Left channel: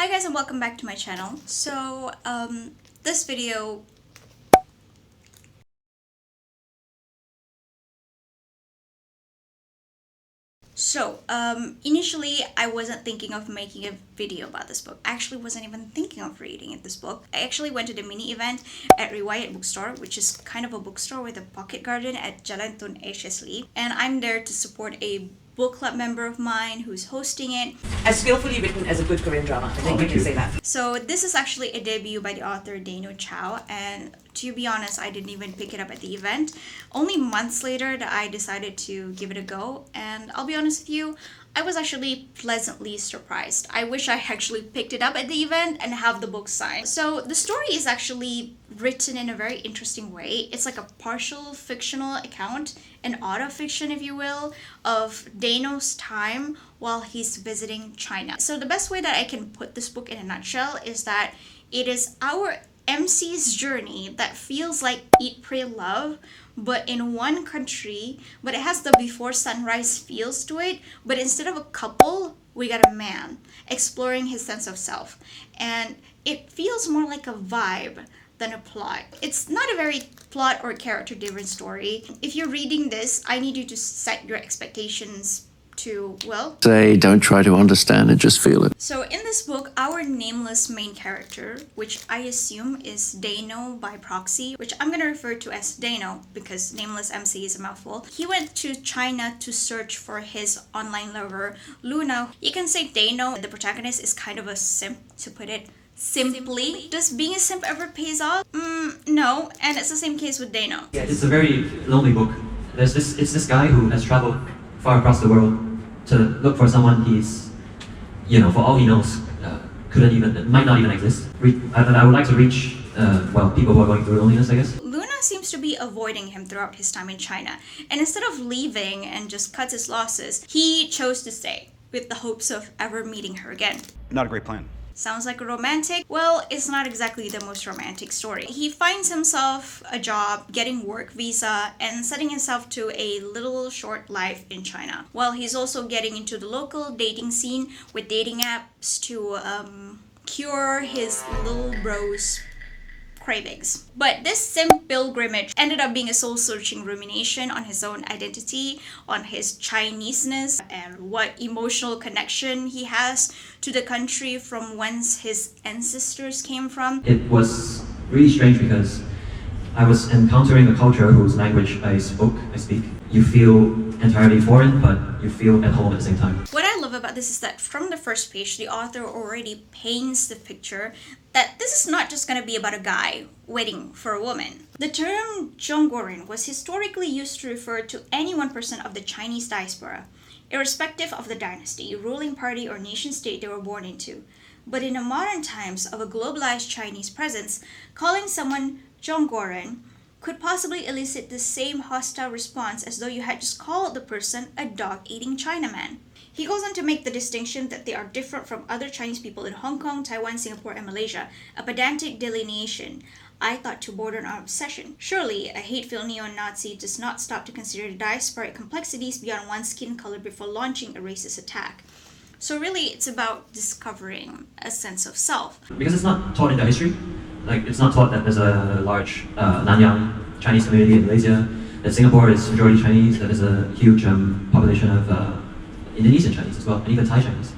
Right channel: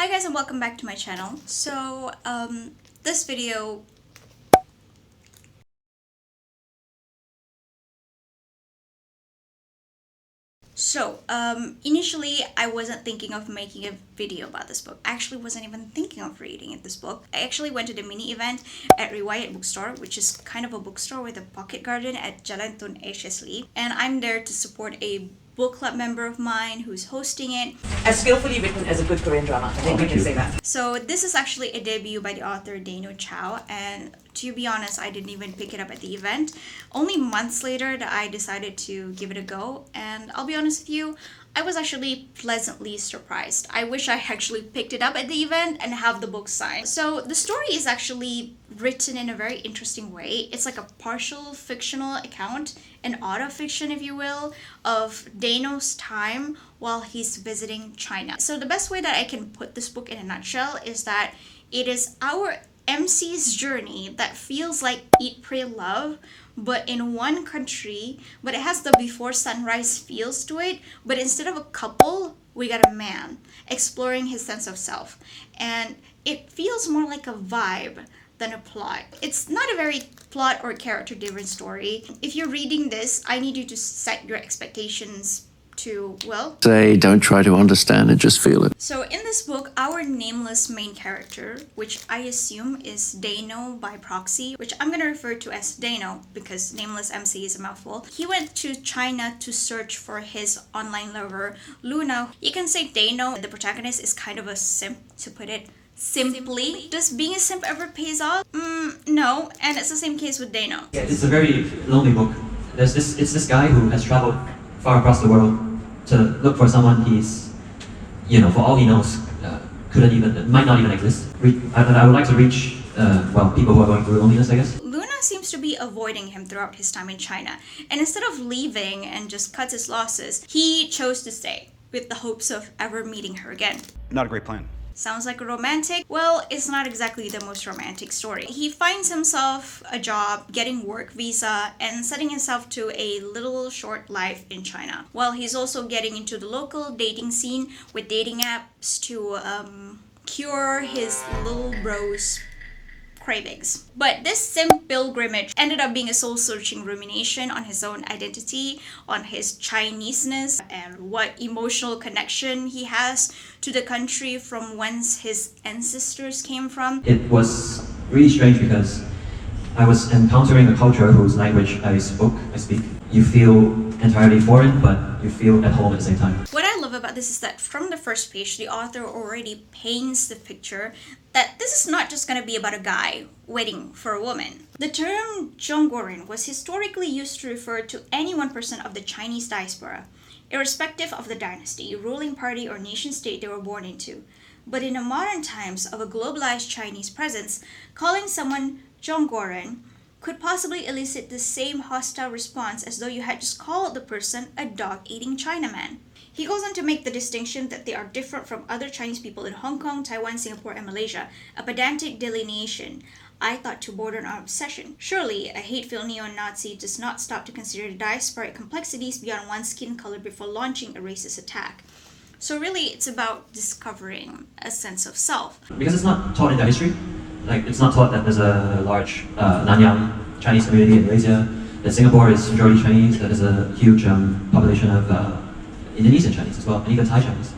Hi guys and welcome back to my channel. So this video initially I wasn't thinking of making a video about this book. I actually wasn't even thinking of reading this book. I actually went to the mini event at Unquiet Bookstore, which is kind of a bookstore with a pocket garden at Jalan Tun Eslite, and I'm there to support a book club member of mine who's hosting it. As skillfully written as a good Korean drama. I think we can say that. So this is actually a debut by the author Dano Chow, and to be honest, I didn't even pick it up at the event. Only months later that I decided to give it a go, and I'll be honest with you, I was actually pleasantly surprised. I wish I actually picked it up at the event and have the book signed. So the story is actually written in a very interesting way. It's like a partial fictional account, an autofiction if you will, of Dano's time while he's visiting China. So the best way that I can put this book in a nutshell is that it is our MC's journey that feels like Eat, Pray, Love, but in one country, but it has the before sunrise feels to it, but instead of a couple, we got a man exploring his sense of self. And it feels more like a vibe than a plot. It's not a very plot or character driven story. If you're reading this, I need you to set your expectations to, well, say don't try to understand it, just feel it. So in this book, our nameless main character, which I assume is Dano by proxy, which I'm gonna refer to as Dano because nameless MC is a mouthful. He went to China to search for his online lover, Luna. You can say Dano, the protagonist, is kind of a simp, to put it simply. Does being a simp ever pays off? No, and it's the same case with Dano. Yeah, it's a very lonely book. It's this guy who has traveled far across the world to look for someone he's, for all he knows, might not even exist. I would like to reach, people who are going through loneliness, I guess. Luna seems to be avoiding him throughout his time in China, and instead of leaving and just cuts his losses, he chose to stay with the hopes of ever meeting her again. Not a great plan. Sounds like a romantic? Well, it's not exactly the most romantic story. He finds himself a job, getting work visa, and setting himself to a little short life in China. While he's also getting into the local dating scene with dating apps to cure his little bro's cravings. But this simp pilgrimage ended up being a soul-searching rumination on his own identity, on his Chineseness, and what emotional connection he has to the country from whence his ancestors came from. It was really strange because I was encountering a culture whose language I speak. You feel entirely foreign, but you feel at home at the same time. What I love about this is that from the first page, the author already paints the picture that this is not just going to be about a guy waiting for a woman. The term Zhongguoren was historically used to refer to any one person of the Chinese diaspora, irrespective of the dynasty, ruling party, or nation state they were born into. But in the modern times of a globalized Chinese presence, calling someone Zhongguoren could possibly elicit the same hostile response as though you had just called the person a dog-eating Chinaman. He goes on to make the distinction that they are different from other Chinese people in Hong Kong, Taiwan, Singapore, and Malaysia, a pedantic delineation I thought to border on obsession. Surely, a hateful neo-Nazi does not stop to consider the diasporic complexities beyond one's skin color before launching a racist attack. So really, it's about discovering a sense of self. Because it's not taught in their history. It's not taught that there's a large Nanyang Chinese community in Malaysia, that Singapore is majority Chinese, that there's a huge population of Indonesian Chinese as well, and even Thai Chinese.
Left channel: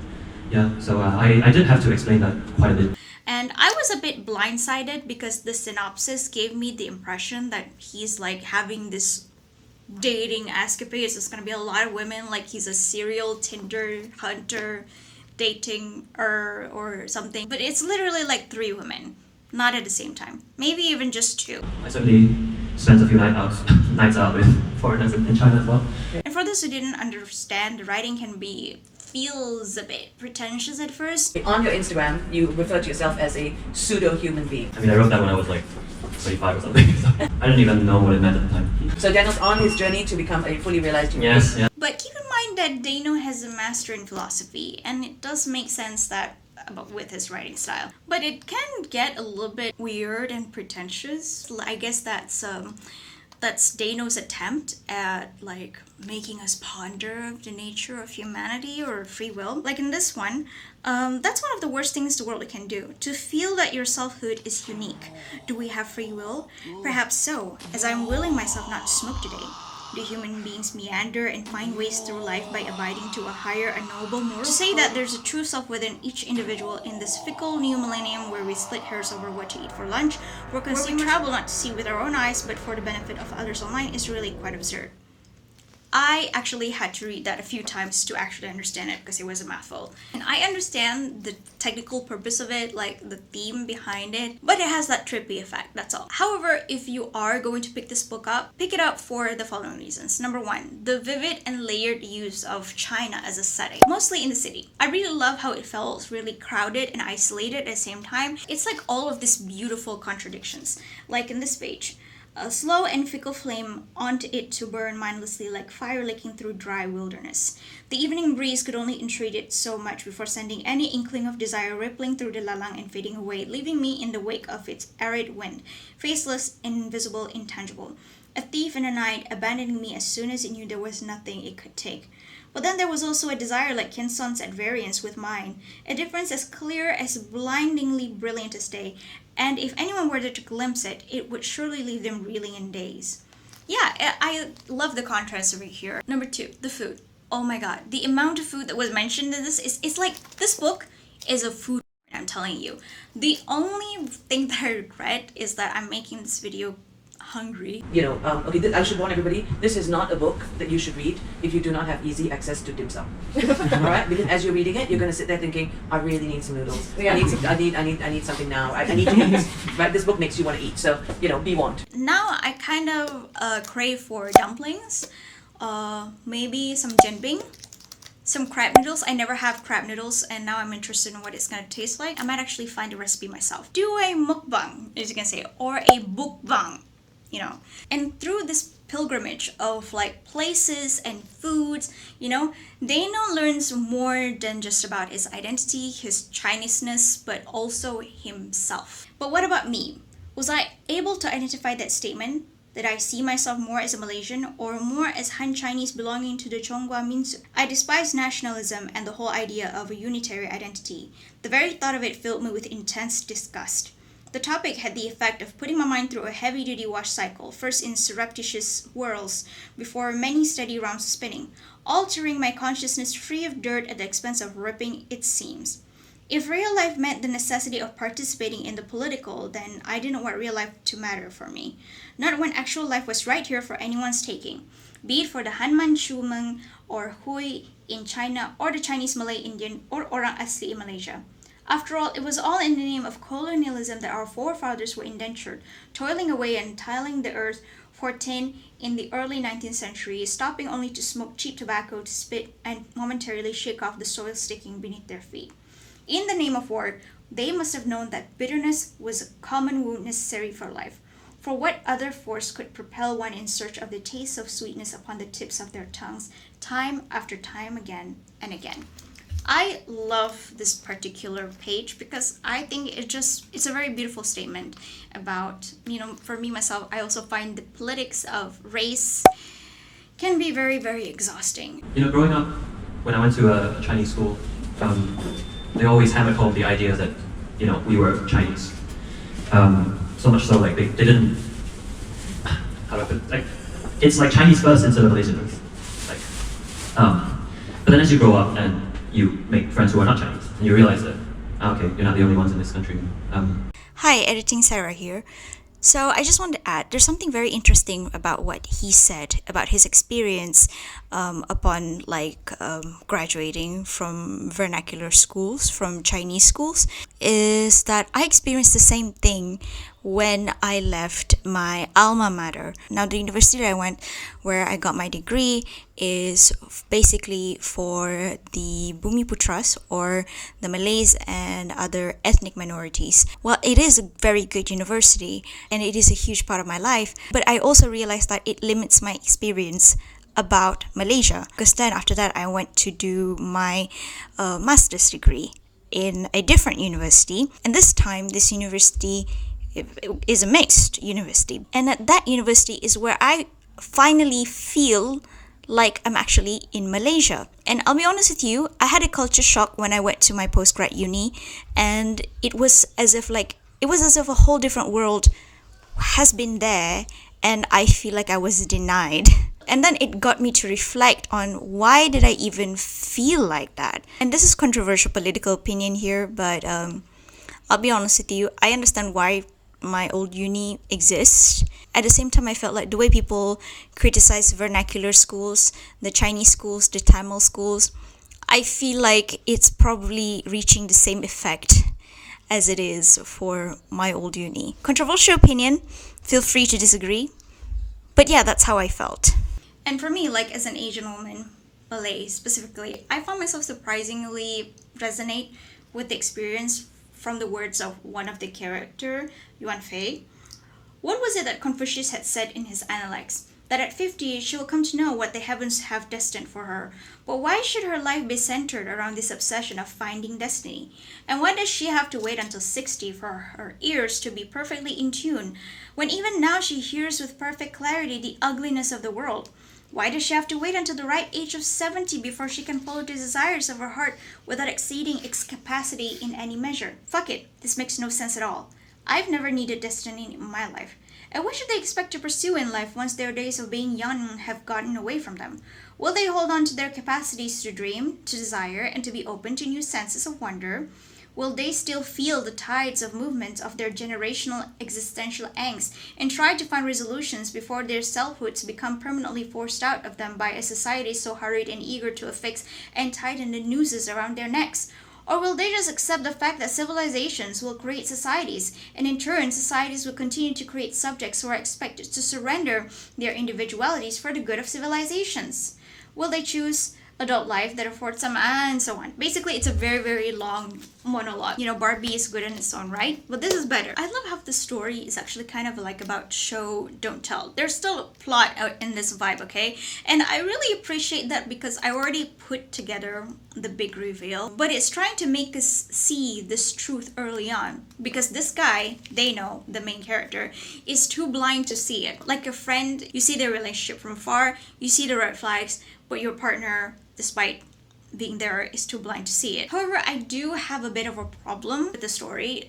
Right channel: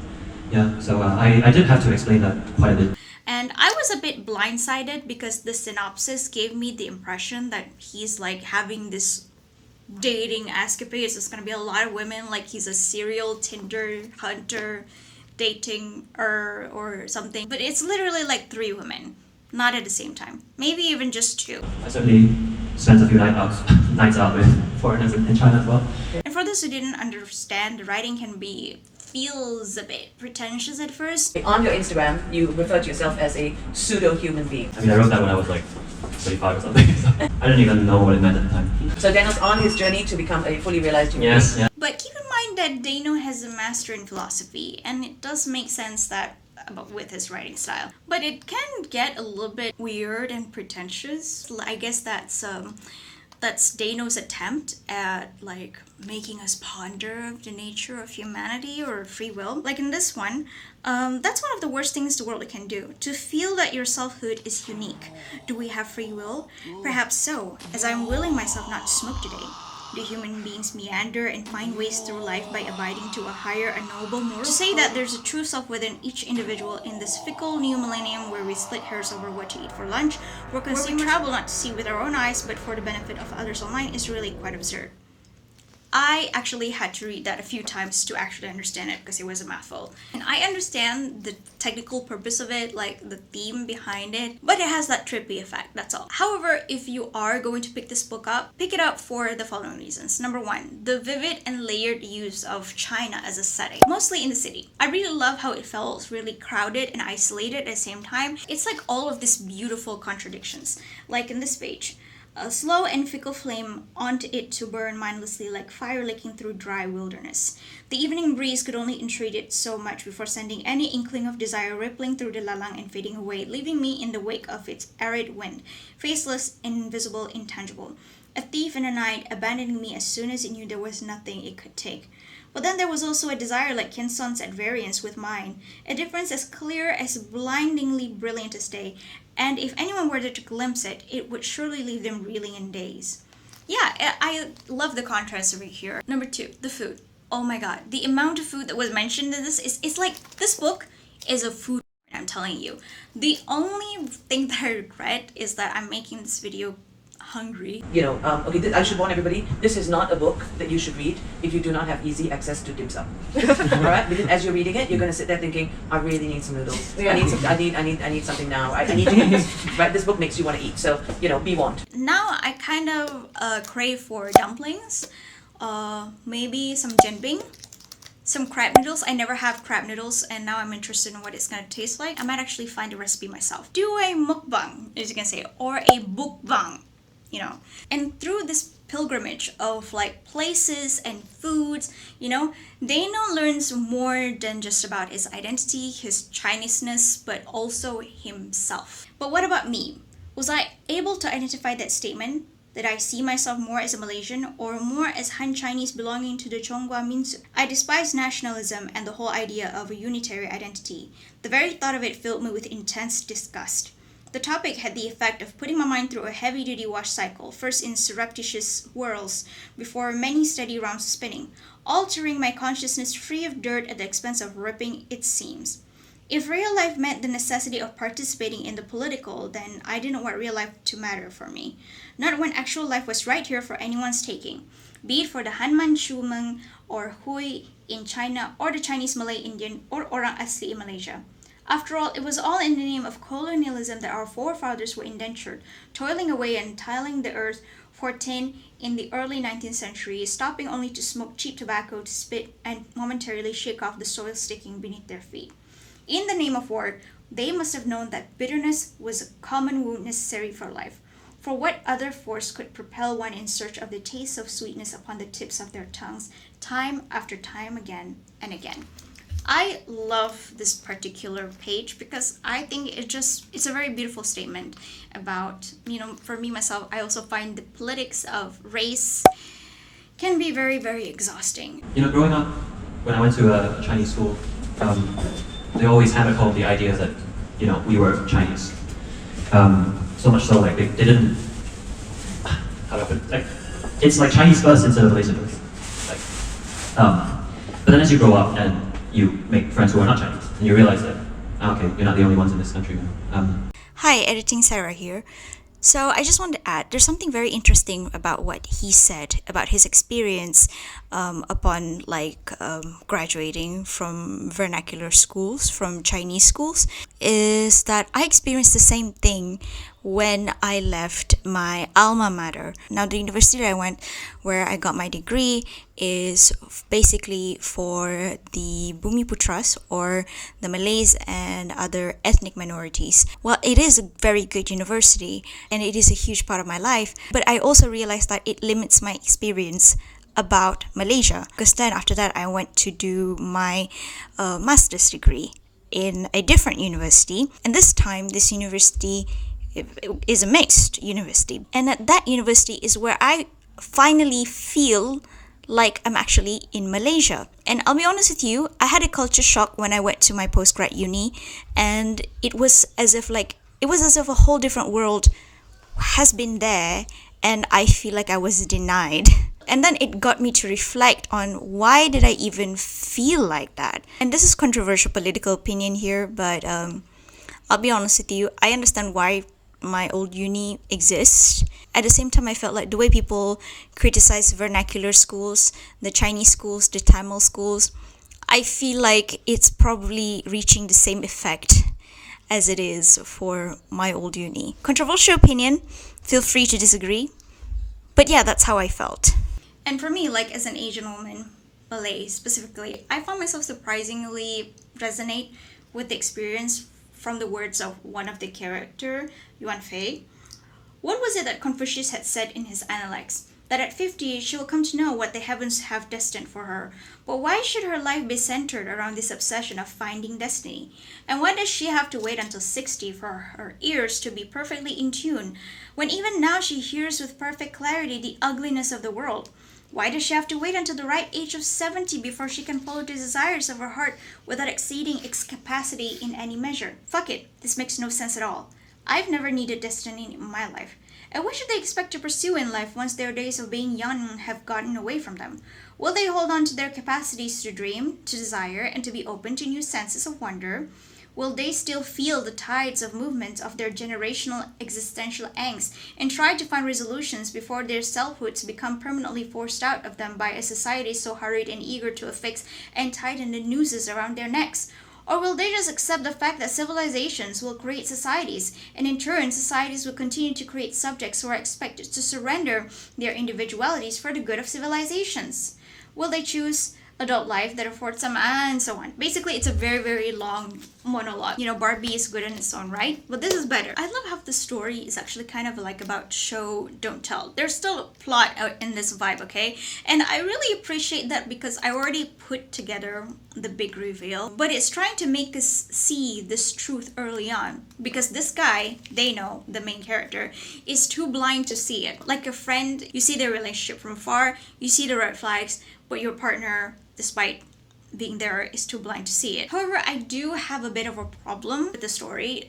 Yeah, so I did have to explain that quite a bit. And I was a bit blindsided because the synopsis gave me the impression that he's like having this dating escapades. There's gonna be a lot of women, like he's a serial Tinder hunter dating or something. But it's literally like 3 women. Not at the same time. Maybe even just 2. I certainly spent a few nights out with foreigners in China as well. And for those who didn't understand, the writing feels a bit pretentious at first. On your Instagram, you refer to yourself as a pseudo-human being. I wrote that when I was like 25 or something. I didn't even know what it meant at the time. So Dano's on his journey to become a fully realized human being. Yes, yeah. But keep in mind that Dano has a master in philosophy, and it does make sense that with his writing style. But it can get a little bit weird and pretentious. I guess that's That's Dano's attempt at like making us ponder the nature of humanity or free will. Like in this one, that's one of the worst things the world can do. To feel that your selfhood is unique. Do we have free will? Perhaps so, as I'm willing myself not to smoke today. Do human beings meander and find ways through life by abiding to a higher and noble moral? To say that there's a true self within each individual in this fickle new millennium where we split hairs over what to eat for lunch, where we travel not to see with our own eyes but for the benefit of others online is really quite absurd. I actually had to read that a few times to actually understand it because it was a mouthful. And I understand the technical purpose of it, like the theme behind it, but it has that trippy effect, that's all. However, if you are going to pick this book up, pick it up for the following reasons. Number one, the vivid and layered use of China as a setting, mostly in the city. I really love how it felt really crowded and isolated at the same time. It's like all of these beautiful contradictions, like in this page. A slow and fickle flame onto it to burn mindlessly like fire licking through dry wilderness. The evening breeze could only entreat it so much before sending any inkling of desire rippling through the lalang and fading away, leaving me in the wake of its arid wind, faceless, invisible, intangible. A thief in the night, abandoning me as soon as it knew there was nothing it could take. But then there was also a desire like Kinson's at variance with mine, a difference as clear, as blindingly brilliant as day, and if anyone were to glimpse it, it would surely leave them reeling in daze. Yeah, I love the contrast over here. Number two, the food. Oh my god, the amount of food that was mentioned in this it's like, this book is a food, I'm telling you. The only thing that I regret is that I'm making this video hungry. Okay, I should warn everybody, this is not a book that you should read if you do not have easy access to dim sum. Alright? Because as you're reading it, you're gonna sit there thinking, I really need some noodles. I need something now. I need to eat. Right? This book makes you want to eat, so be warned. Now I kind of crave for dumplings, maybe some jianbing, some crab noodles. I never have crab noodles and now I'm interested in what it's gonna taste like. I might actually find a recipe myself. Do a mukbang, as you can say, or a bukbang. And through this pilgrimage of like places and foods, Dano learns more than just about his identity, his Chineseness, but also himself. But what about me? Was I able to identify that statement that I see myself more as a Malaysian or more as Han Chinese belonging to the Chonghua Minsu? I despise nationalism and the whole idea of a unitary identity. The very thought of it filled me with intense disgust. The topic had the effect of putting my mind through a heavy-duty wash cycle, first in surreptitious whirls, before many steady rounds of spinning, altering my consciousness free of dirt at the expense of ripping its seams. If real life meant the necessity of participating in the political, then I didn't want real life to matter for me. Not when actual life was right here for anyone's taking, be it for the Hanman Shumeng or Hui in China or the Chinese Malay Indian or Orang Asli in Malaysia. After all, it was all in the name of colonialism that our forefathers were indentured, toiling away and tilling the earth for tin in the early 19th century, stopping only to smoke cheap tobacco, to spit, and momentarily shake off the soil sticking beneath their feet. In the name of war, they must have known that bitterness was a common wound necessary for life. For what other force could propel one in search of the taste of sweetness upon the tips of their tongues, time after time again and again? I love this particular page because I think it's a very beautiful statement about, for me, myself, I also find the politics of race can be very, very exhausting. Growing up, when I went to a Chinese school, they always hammered home the idea that, we were Chinese. So much so, like, they didn't, how do I put it? Like, it's like Chinese first instead of Malaysian first. But then as you grow up and you make friends who are not Chinese, and you realize that, okay, you're not the only ones in this country. Hi, Editing Sarah here. So I just wanted to add, there's something very interesting about what he said about his experience upon graduating from vernacular schools, from Chinese schools, is that I experienced the same thing when I left my alma mater. Now, the university that I went, where I got my degree, is basically for the Bumiputras, or the Malays and other ethnic minorities. Well, it is a very good university, and it is a huge part of my life, but I also realized that it limits my experience about Malaysia, because then after that I went to do my master's degree in a different university, and this time this university is a mixed university. And at that university is where I finally feel like I'm actually in Malaysia. And I'll be honest with you, I had a culture shock when I went to my postgrad uni, and it was as if a whole different world has been there, and I feel like I was denied. And then it got me to reflect on why did I even feel like that. And this is controversial political opinion here, but I'll be honest with you, I understand why my old uni exists. At the same time, I felt like the way people criticize vernacular schools, the Chinese schools, the Tamil schools, I feel like it's probably reaching the same effect as it is for my old uni. Controversial opinion, feel free to disagree. But yeah, that's how I felt. And for me, like as an Asian woman, Malay specifically, I found myself surprisingly resonate with the experience from the words of one of the character, Yuan Fei. What was it that Confucius had said in his Analects? That at 50, she will come to know what the heavens have destined for her. But why should her life be centered around this obsession of finding destiny? And why does she have to wait until 60 for her ears to be perfectly in tune, when even now she hears with perfect clarity the ugliness of the world? Why does she have to wait until the right age of 70 before she can follow the desires of her heart without exceeding its capacity in any measure? Fuck it, this makes no sense at all. I've never needed destiny in my life. And what should they expect to pursue in life once their days of being young have gotten away from them? Will they hold on to their capacities to dream, to desire, and to be open to new senses of wonder? Will they still feel the tides of movement of their generational existential angst and try to find resolutions before their selfhoods become permanently forced out of them by a society so hurried and eager to affix and tighten the nooses around their necks? Or will they just accept the fact that civilizations will create societies, and in turn societies will continue to create subjects who are expected to surrender their individualities for the good of civilizations? Will they choose adult life that affords them, and so on? Basically, it's a very, very long monologue. You know, Barbie is good in its own right, but this is better. I love how the story is actually kind of like about show, don't tell. There's still a plot out in this vibe, okay? And I really appreciate that because I already put together the big reveal, but it's trying to make us see this truth early on, because this guy, Dano, the main character, is too blind to see it. Like a friend, you see their relationship from afar, you see the red flags, but your partner, despite being there, is too blind to see it. However, I do have a bit of a problem with the story.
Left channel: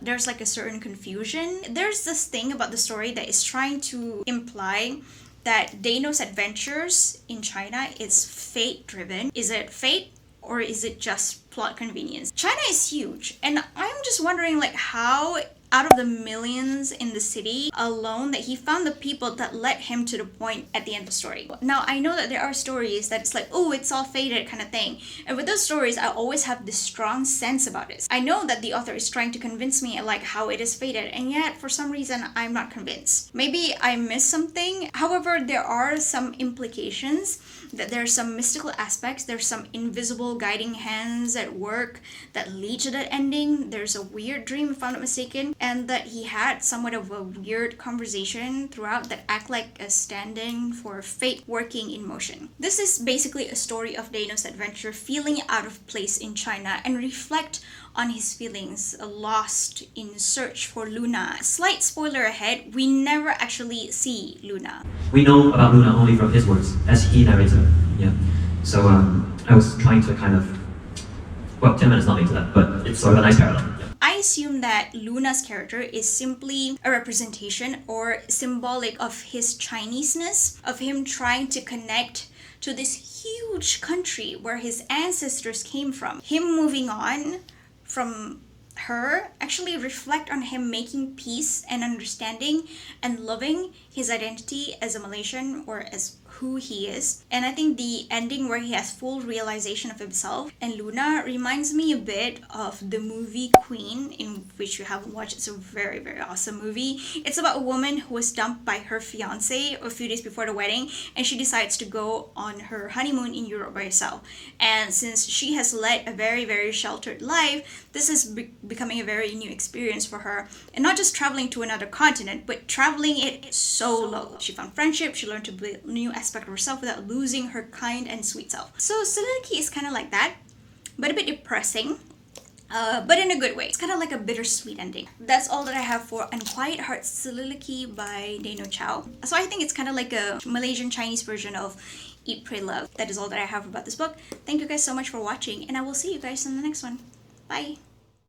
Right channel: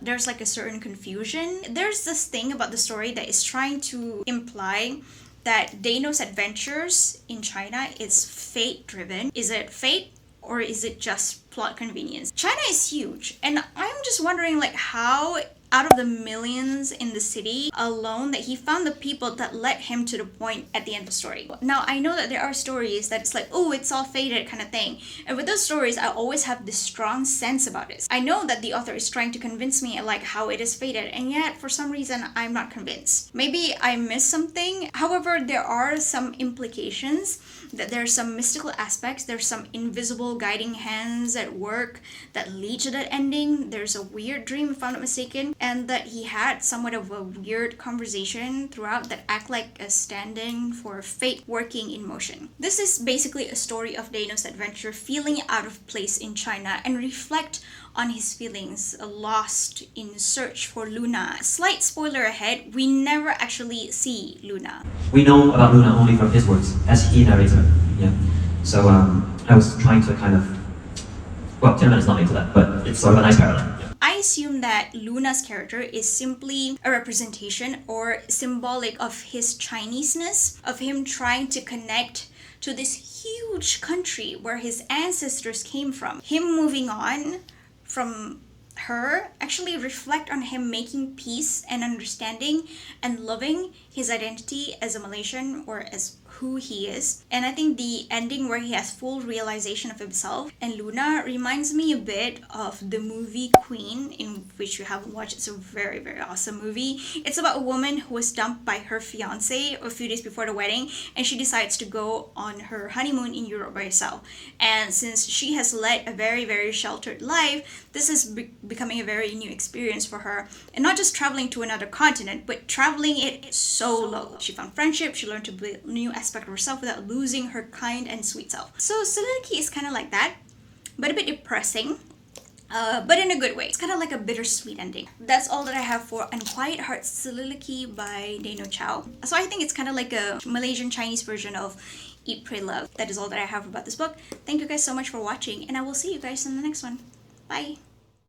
There's like a certain confusion. There's this thing about the story that is trying to imply that Dano's adventures in China is fate-driven. Is it fate, or is it just plot convenience? China is huge, and I'm just wondering like how out of the millions in the city alone that he found the people that led him to the point at the end of the story. Now, I know that there are stories that it's like, oh, it's all fated kind of thing. And with those stories, I always have this strong sense about it. I know that the author is trying to convince me like how it is fated, and yet for some reason, I'm not convinced. Maybe I missed something. However, there are some implications that there's some mystical aspects, there's some invisible guiding hands at work that lead to that ending. There's a weird dream, if I'm not mistaken, and that he had somewhat of a weird conversation throughout that act like a stand-in for fate working in motion. This is basically a story of Dano's adventure feeling out of place in China and reflect on his feelings lost in search for Luna. Slight spoiler ahead, we never actually see Luna. We know about Luna only from his words, as he narrates her. Yeah. So I was trying to kind of, well, 10 minutes not into that, but it's sort of a nice parallel. Yeah. I assume that Luna's character is simply a representation or symbolic of his Chineseness, of him trying to connect to this huge country where his ancestors came from. Him moving on from her actually reflect on him making peace and understanding and loving his identity as a Malaysian or as who he is. And I think the ending where he has full realization of himself and Luna reminds me a bit of the movie Queen, in which you haven't watched. It's a very, very awesome movie. It's about a woman who was dumped by her fiance a few days before the wedding, and she decides to go on her honeymoon in Europe by herself. And since she has led a very, very sheltered life, this is becoming a very new experience for her. And not just traveling to another continent, but traveling it solo. She found friendship, she learned to build a new aspect of herself without losing her kind and sweet self. So Soliloquy is kind of like that, but a bit depressing. but in a good way. It's kind of like a bittersweet ending. That's all that I have for Unquiet Heart Soliloquy by Dano Chow. So I think it's kind of like a Malaysian Chinese version of Eat, Pray, Love. That is all that I have about this book. Thank you guys so much for watching, and I will see you guys in the next one. Bye!